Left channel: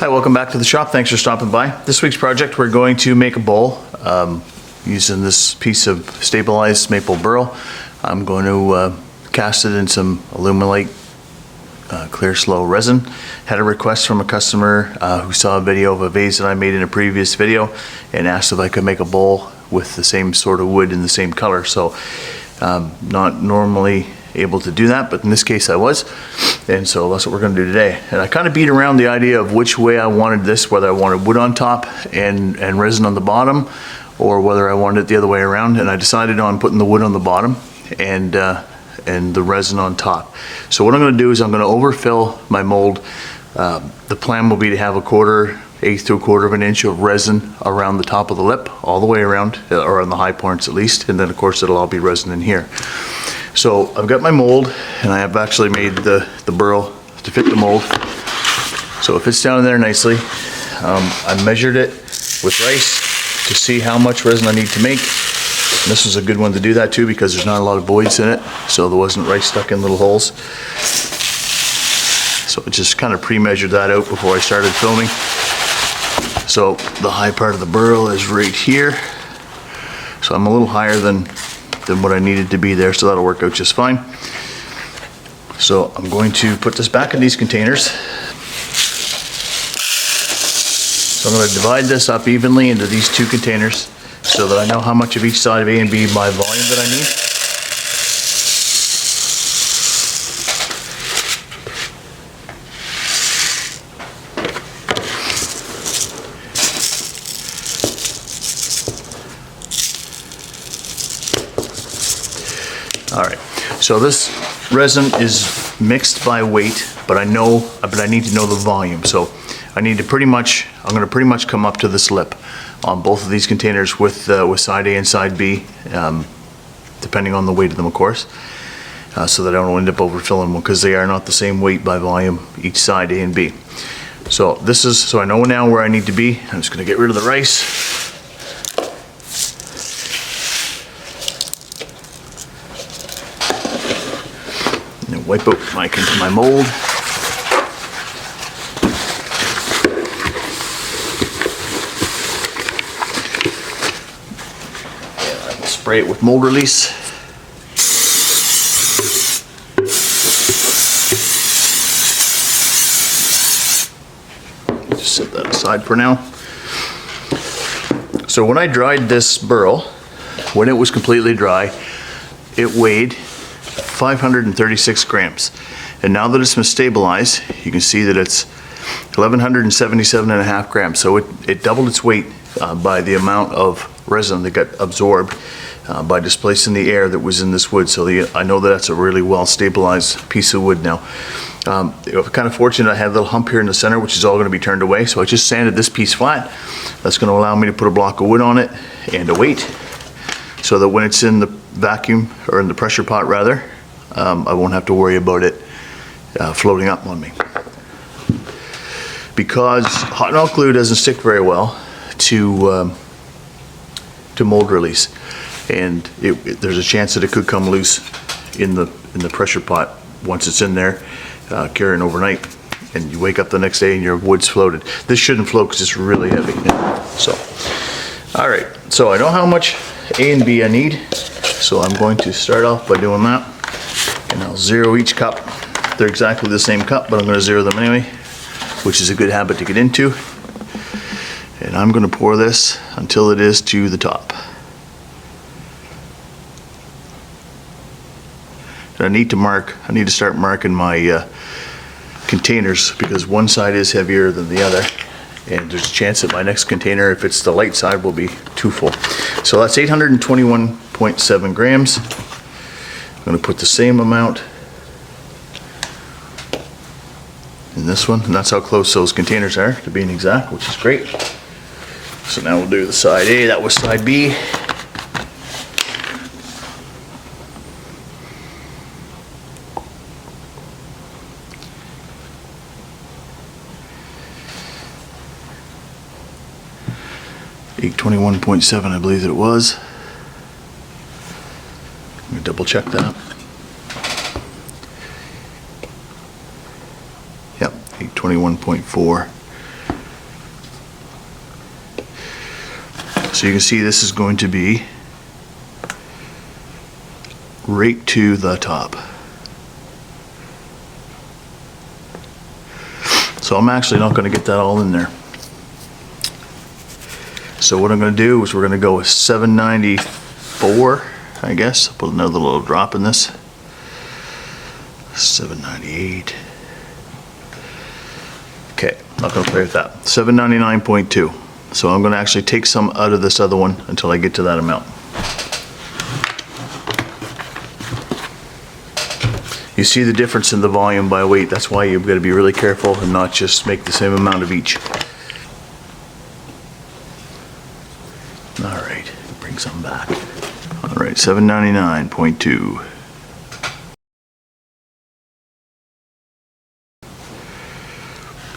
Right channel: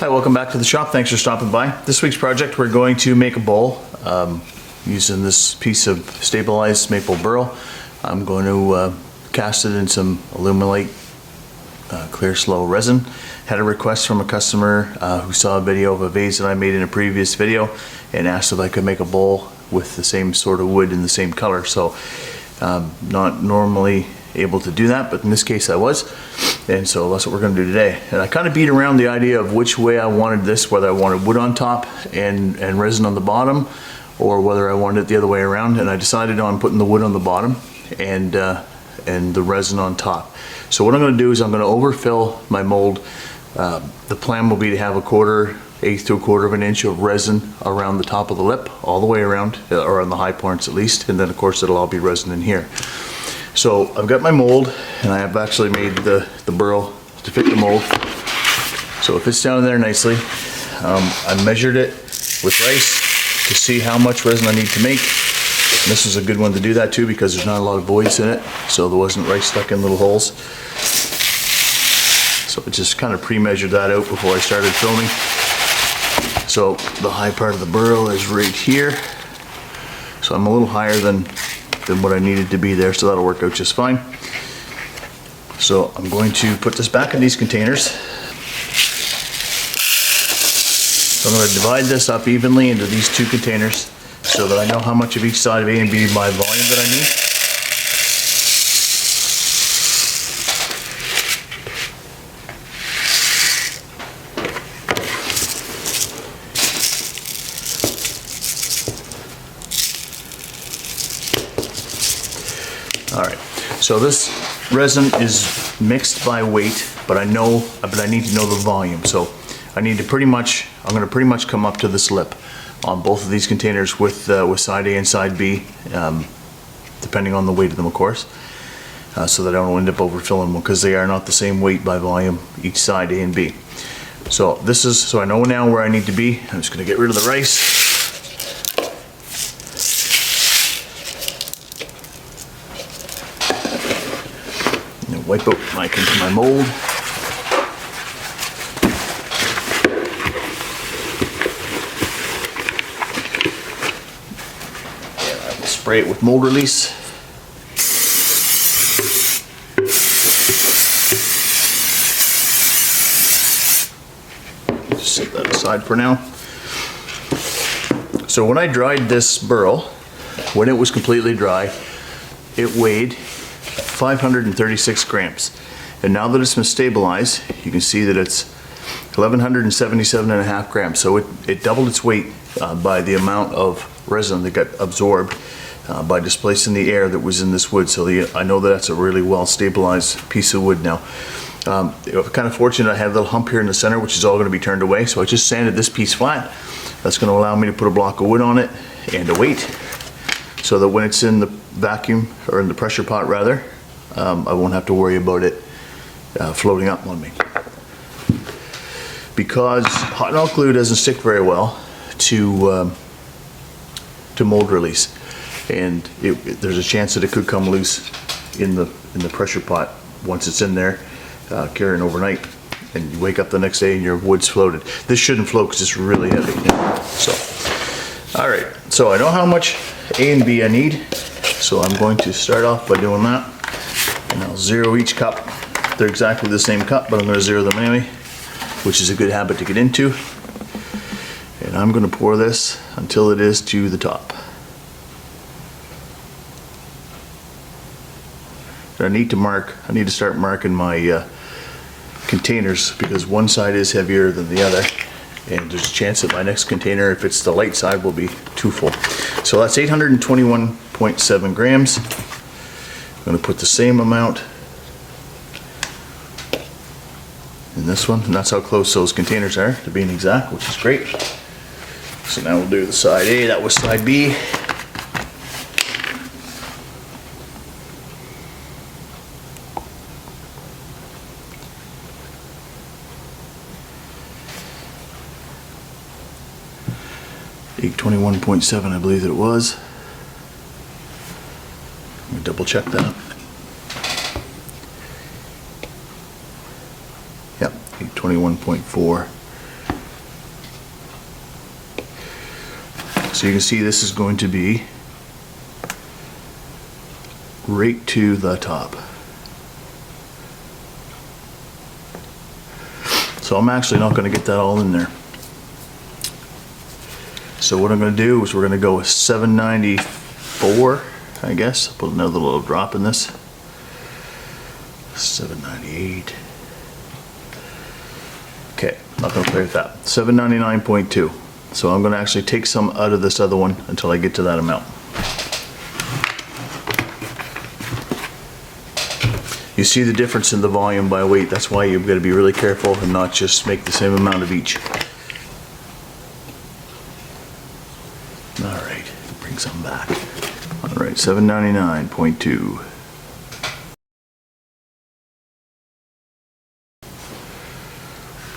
Hi, welcome back to the shop. Thanks for stopping by. This week's project, we're going to make a bowl using this piece of stabilized maple burl. I'm going to cast it in some Alumilite clear slow resin. Had a request from a customer who saw a video of a vase that I made in a previous video and asked if I could make a bowl with the same sort of wood in the same color. So not normally able to do that, but in this case I was, and so that's what we're going to do today. And I kind of beat around the idea of which way I wanted this, whether I wanted wood on top and resin on the bottom, or whether I wanted it the other way around, and I decided on putting the wood on the bottom and the resin on top. So what I'm going to do is I'm going to overfill my mold. The plan will be to have 1/4 to 1/4 of an inch of resin around the top of the lip, all the way around, or on the high points at least, and then of course it'll all be resin in here. So I've got my mold, and I have actually made the burl to fit the mold. So it fits down in there nicely. I measured it with rice to see how much resin I need to make. And this was a good one to do that too, because there's not a lot of voids in it, so there wasn't rice stuck in little holes. So I just kind of pre-measured that out before I started filming. So the high part of the burl is right here. So I'm a little higher than what I needed to be there, so that'll work out just fine. So I'm going to put this back in these containers. So I'm going to divide this up evenly into these two containers so that I know how much of each side of A and B by volume that I need. Alright, so this resin is mixed by weight, but I need to know the volume. So I need to I'm going to pretty much come up to this lip on both of these containers with side A and side B, depending on the weight of them, of course, so that I don't end up overfilling them, because they are not the same weight by volume, each side A and B. So so I know now where I need to be. I'm just going to get rid of the rice. Wipe out my mold. And I will spray it with mold release. Just set that aside for now. So when I dried this burl, when it was completely dry, it weighed 536 grams, and now that it's been stabilized, you can see that it's 1177.5 grams. So it doubled its weight by the amount of resin that got absorbed by displacing the air that was in this wood. So I know that that's a really well stabilized piece of wood now. I'm kind of fortunate I had a little hump here in the center, which is all going to be turned away. So I just sanded this piece flat. That's going to allow me to put a block of wood on it and a weight, so that when it's in the vacuum, or in the pressure pot rather, I won't have to worry about it floating up on me. Because hot melt glue doesn't stick very well to mold release, and there's a chance that it could come loose in the pressure pot once it's in there carrying overnight, and you wake up the next day and your wood's floated. This shouldn't float because it's really heavy. So, all right. So I know how much A and B I need. So I'm going to start off by doing that. And I'll zero each cup. They're exactly the same cup, but I'm going to zero them anyway, which is a good habit to get into. And I'm going to pour this until it is to the top. And I need to start marking my containers, because one side is heavier than the other, and there's a chance that my next container, if it's the light side, will be too full. So that's 821.7 grams. I'm going to put the same amount in this one, and that's how close those containers are to being exact, which is great. So now we'll do the side A, that was side B. $821.7, I believe that it was. Let me double check that. Yep, 821.4. So you can see this is going to be right to the top. So I'm actually not going to get that all in there. So what I'm going to do is we're going to go with 794, I guess. I'll put another little drop in this. 798. Okay, not going to play with that. 799.2. So I'm going to actually take some out of this other one until I get to that amount. You see the difference in the volume by weight. That's why you've got to be really careful and not just make the same amount of each. Alright, bring some back. Alright, 799.2.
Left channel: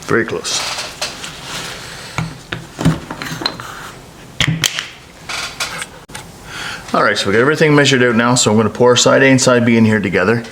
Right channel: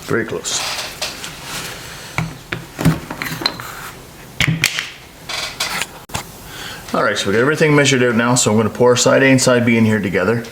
Very close. Alright, so we got everything measured out now, so I'm going to pour side A and side B in here together.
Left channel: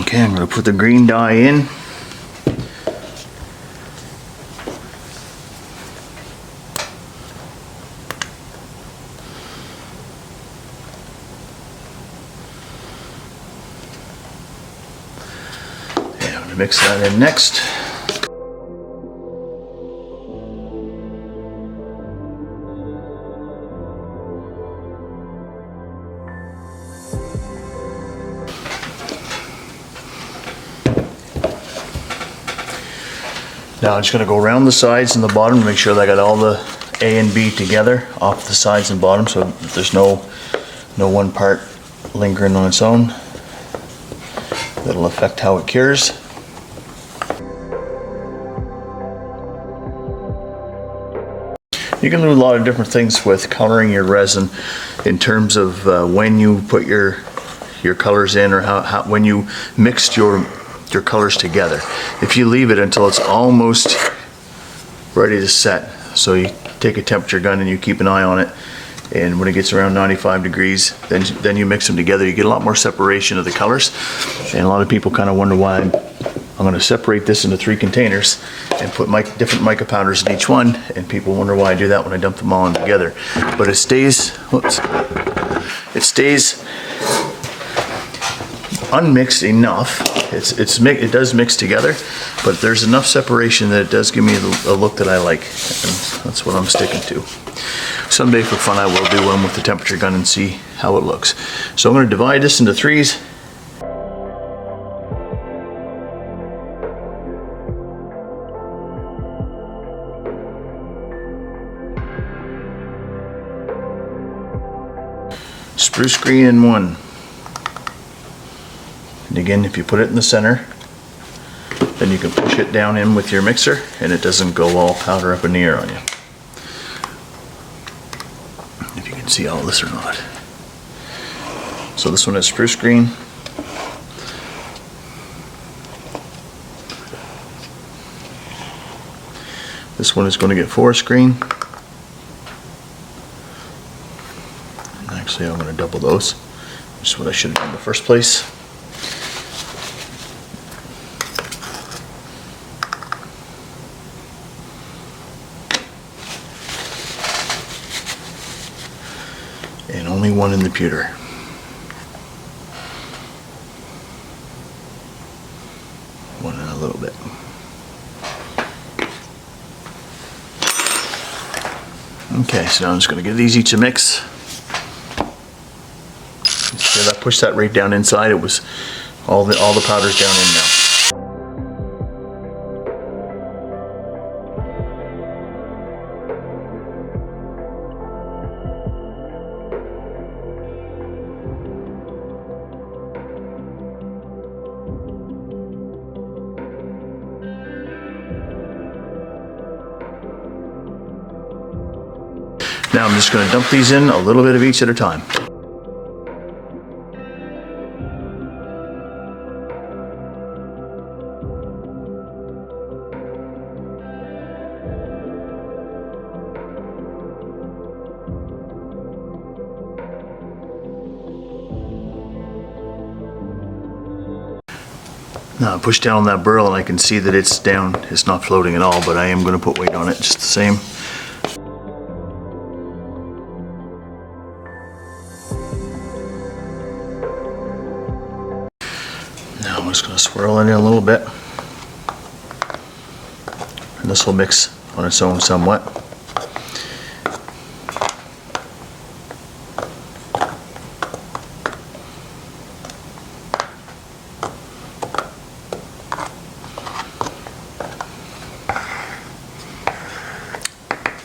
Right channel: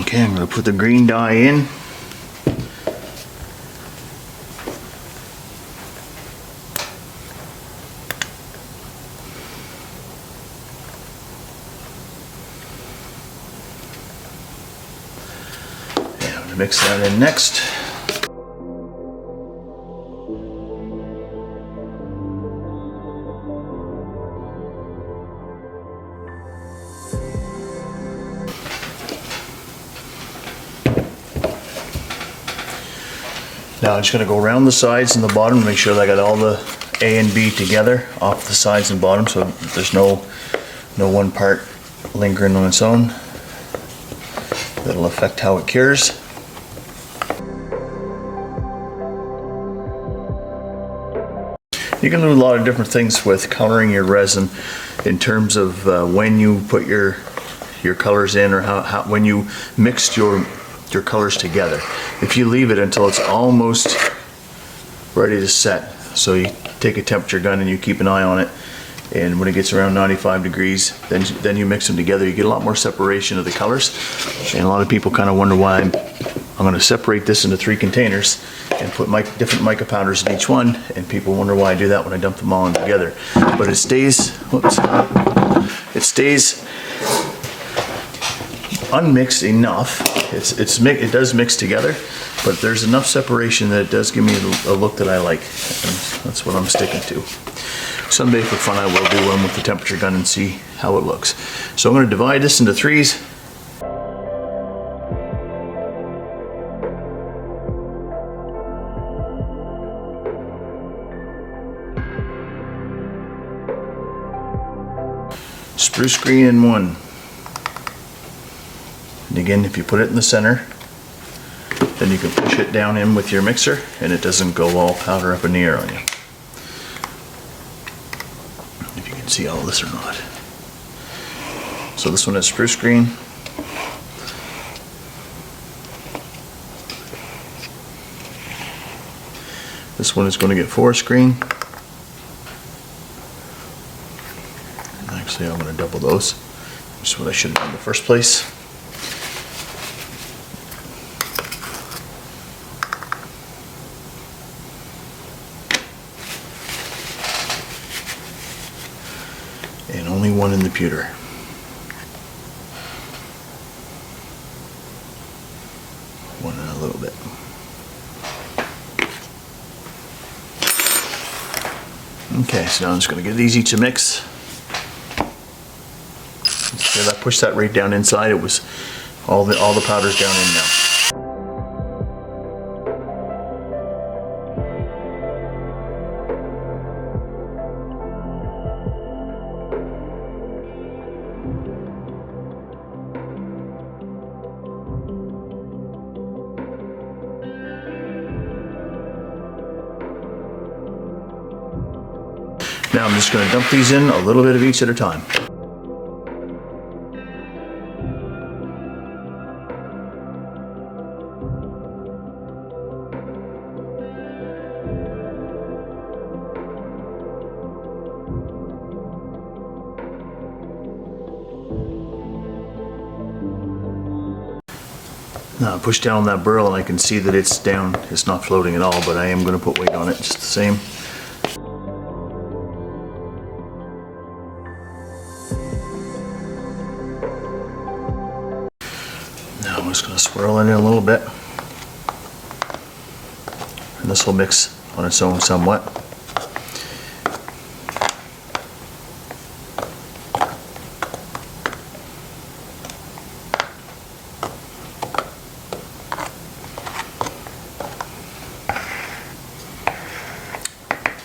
Okay, I'm going to put the green dye in. And I'm going to mix that in next. Now I'm just going to go around the sides and the bottom to make sure that I got all the A and B together off the sides and bottom, so there's no one part lingering on its own. That'll affect how it cures. You can do a lot of different things with coloring your resin in terms of when you put your colors in, or how when you mixed your colors together. If you leave it until it's almost ready to set, so you take a temperature gun and you keep an eye on it, and when it gets around 95 degrees, then you mix them together, you get a lot more separation of the colors. And a lot of people kind of wonder why I'm going to separate this into 3 containers and put different mica powders in each one, and people wonder why I do that when I dump them all in together. But it stays, it stays unmixed enough. It does mix together, but there's enough separation that it does give me a look that I like, and that's what I'm sticking to. Someday for fun I will do one with the temperature gun and see how it looks. So I'm going to divide this into 3s. Spruce green in 1. And again, if you put it in the center, then you can push it down in with your mixer and it doesn't go all powder up in the air on you. If you can see all this or not. So this one is spruce green. This one is going to get forest green. And actually I'm going to double those. That's what I should have done in the first place. And only one in the pewter. One and a little bit. Okay, so now I'm just going to give these each a mix. See that? Push that right down inside. It was all the powder's down in now. Now I'm just going to dump these in, a little bit of each at a time. Now I push down that burl and I can see that it's down. It's not floating at all, but I am going to put weight on it just the same. Now I'm just going to swirl it in a little bit. And this will mix on its own somewhat.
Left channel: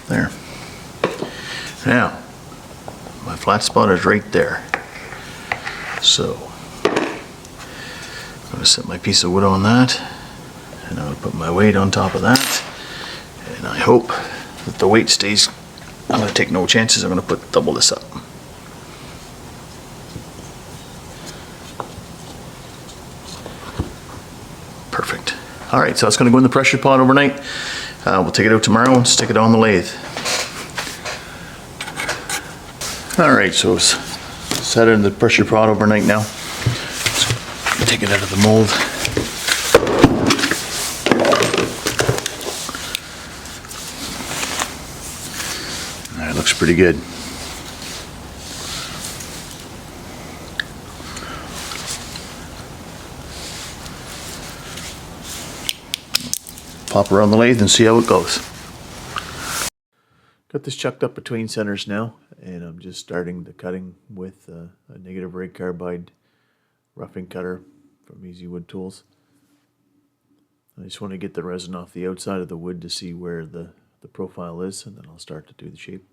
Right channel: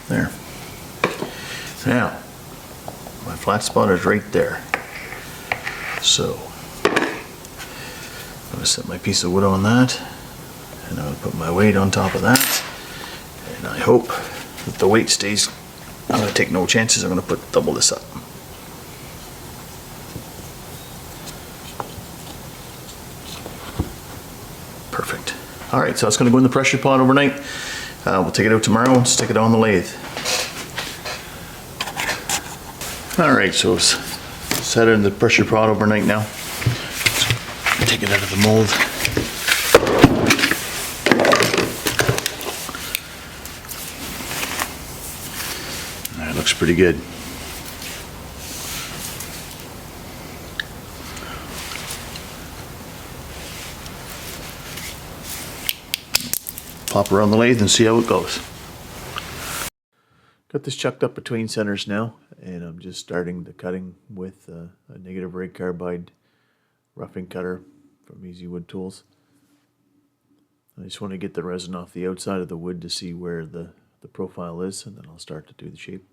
There. Now, my flat spot is right there. So, I'm going to set my piece of wood on that, and I'll put my weight on top of that, and I hope that the weight stays. I'm going to take no chances. I'm going to put double this up. Perfect. All right, so it's going to go in the pressure pot overnight. We'll take it out tomorrow and stick it on the lathe. All right, so it's set it in the pressure pot overnight now. Take it out of the mold. That looks pretty good. Pop her on the lathe and see how it goes. Got this chucked up between centers now, and I'm just starting the cutting with a negative rate carbide roughing cutter from Easy Wood Tools. I just want to get the resin off the outside of the wood to see where the profile is, and then I'll start to do the shape.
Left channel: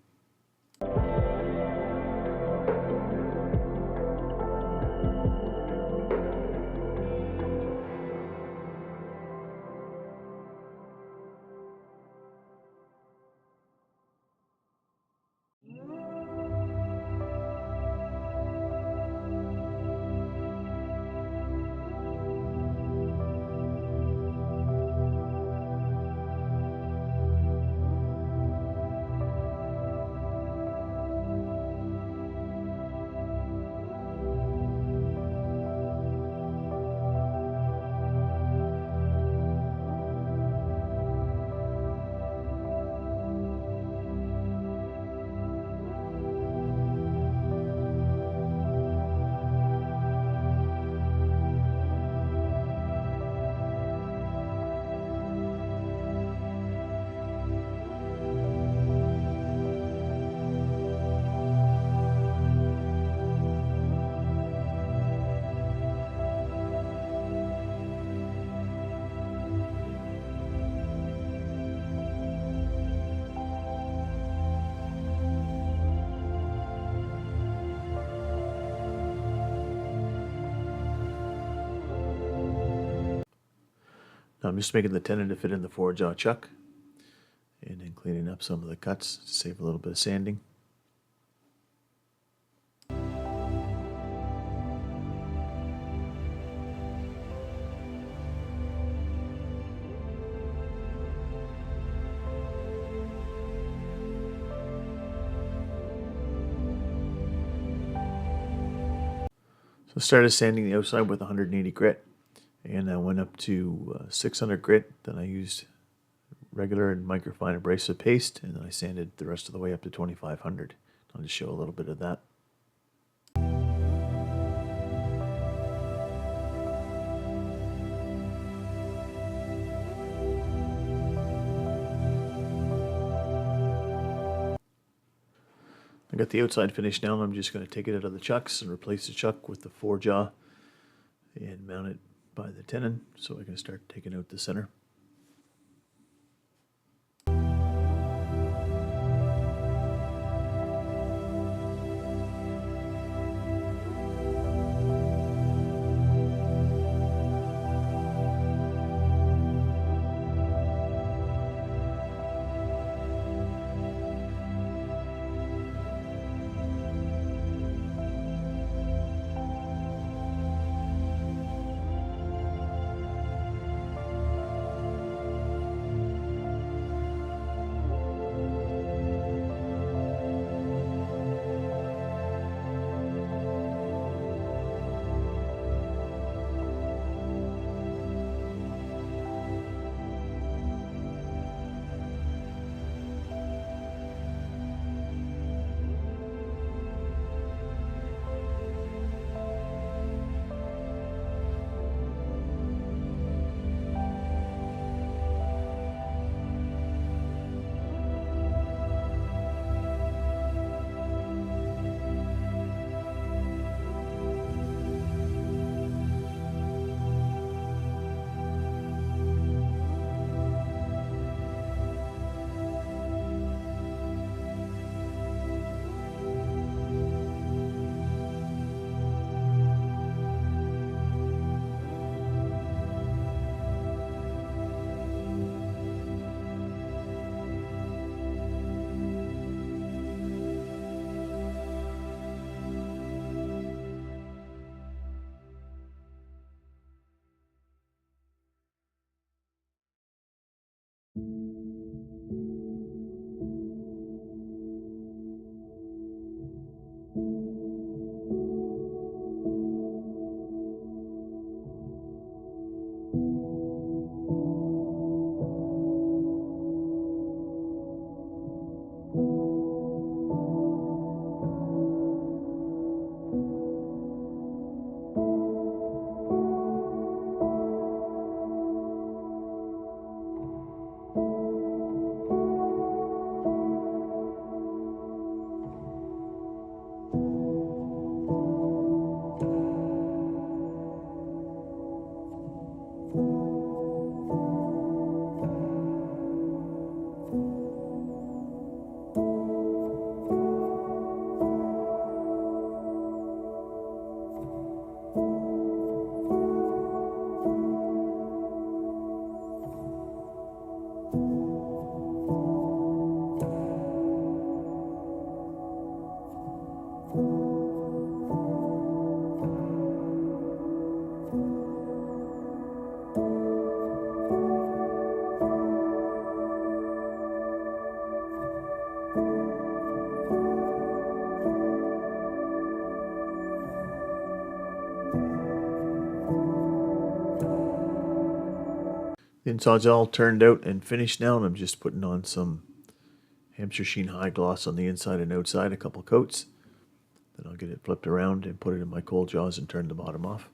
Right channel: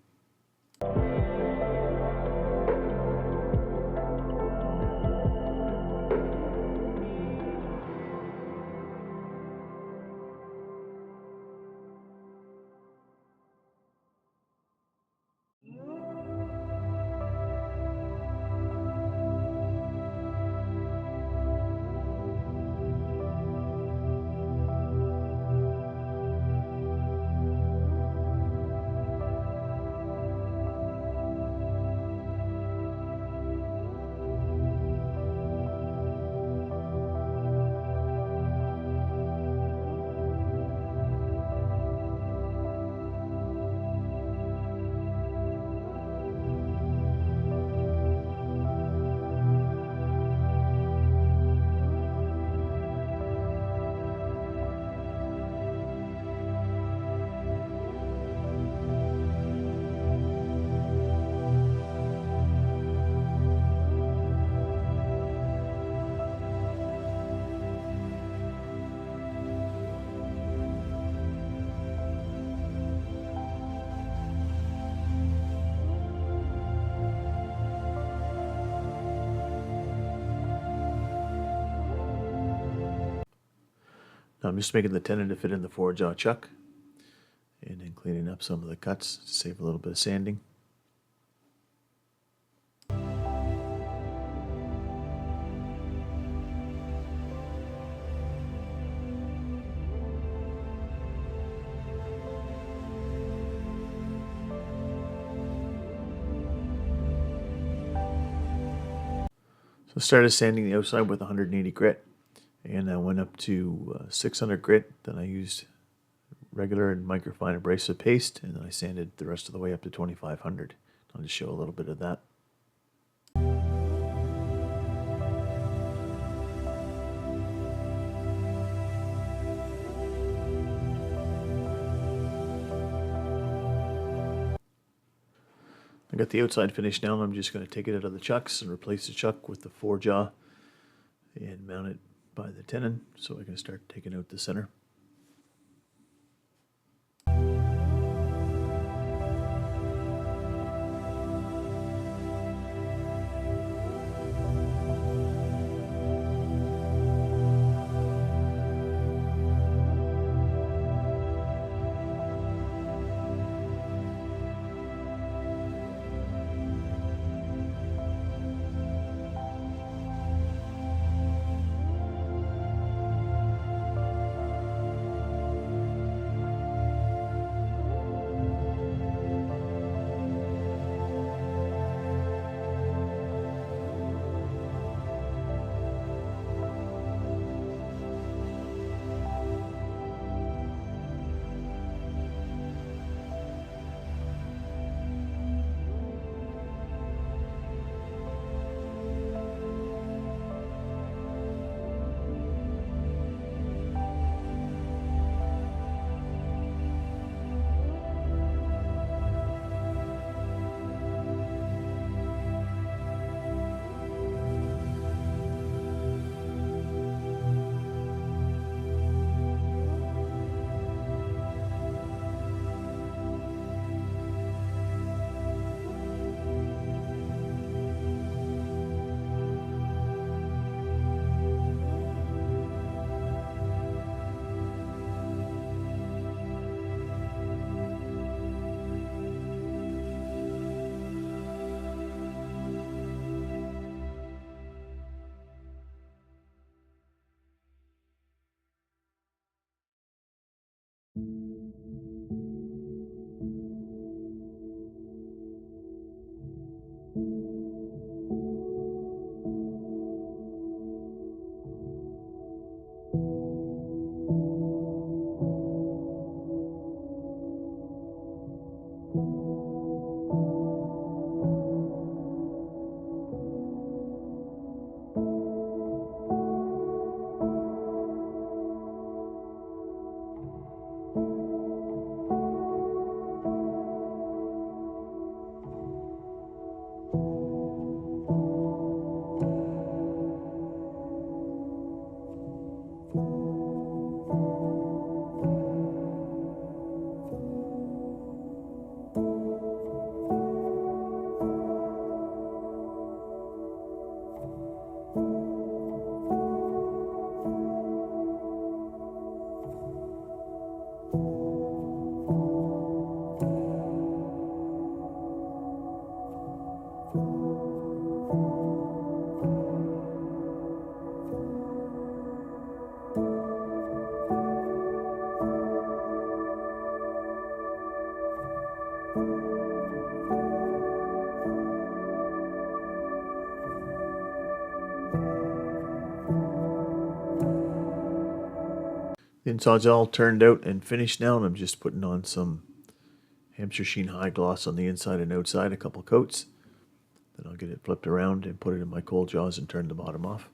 Now I'm just making the tenon to fit in the 4-jaw chuck, and then cleaning up some of the cuts to save a little bit of sanding. So I started sanding the outside with 180 grit, and I went up to 600 grit. Then I used regular and microfine abrasive paste, and then I sanded the rest of the way up to 2500. I'll just show a little bit of that. I got the outside finished now, and I'm just going to take it out of the chucks and replace the chuck with the 4-jaw and mount it by the tenon so I can start taking out the center. The inside's all turned out and finished now, and I'm just putting on some Hamster Sheen High Gloss on the inside and outside, a couple coats. Then I'll get it flipped around and put it in my cold jaws and turn the bottom off.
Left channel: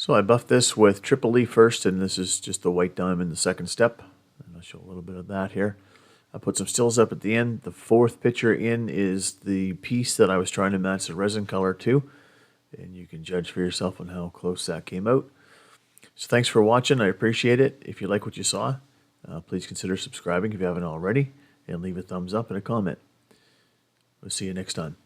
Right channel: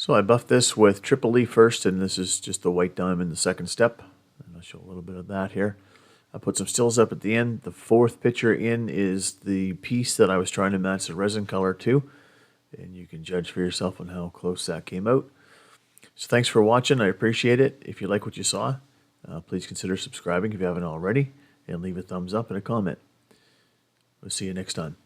So I buffed this with Triple E first, and this is just the white diamond, the second step. And I'll show a little bit of that here. I put some stills up at the end. The fourth picture in is the piece that I was trying to match the resin color to. And you can judge for yourself on how close that came out. So thanks for watching. I appreciate it. If you like what you saw, please consider subscribing if you haven't already. And leave a thumbs up and a comment. We'll see you next time.